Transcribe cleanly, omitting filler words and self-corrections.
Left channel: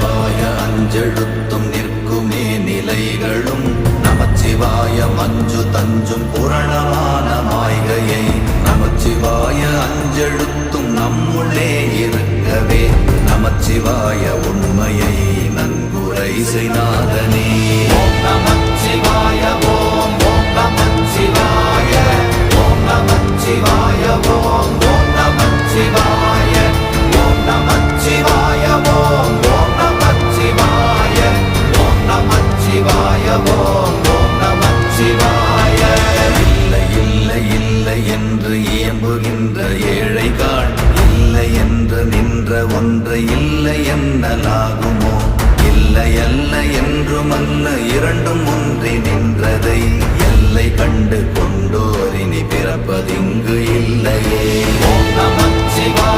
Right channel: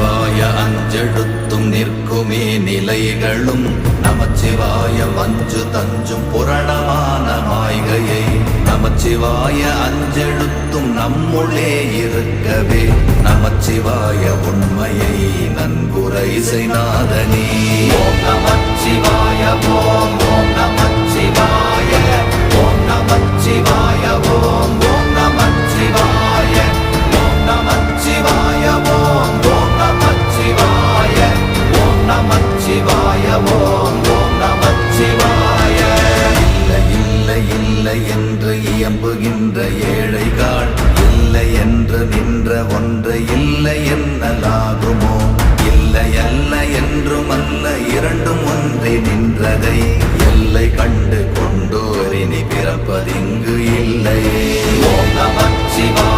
நமச்சிவாய அஞ்செழுத்தும் நிற்குமே நிலைகளும் நமச்சிவாய மஞ்சு தஞ்சும் புரணமான மாய்கையை நமச்சிவாய அஞ்செழுத்தும் நம்முள்ளே இருக்கவே நமச்சிவாய உண்மையை நன்குரை செய்நாதனே. ஓம் நமச்சிவாய ஓம் ஓம் நமச்சிவாய ஓம் நமச்சிவாய ஓம் ஓம் நமச்சிவாய ஓம் நமச்சிவாய ஓம் ஓம் நமச்சிவாய ஓம் நமச்சிவாய ஓம் ஓம் நமச்சிவாய. இல்லை இல்லை இல்லை என்று இயம்புகின்ற ஏழைகாள் இல்லை என்று நின்ற ஒன்று இல்லை என்னலாகுமோ? இல்லை அல்ல என்றும் அல்ல இரண்டும் ஒன்றி நின்றதை எல்லை கண்டு கொண்டோர் இனி பிறப்பதிங்கு இல்லையே. ஓம் நமச்சிவாய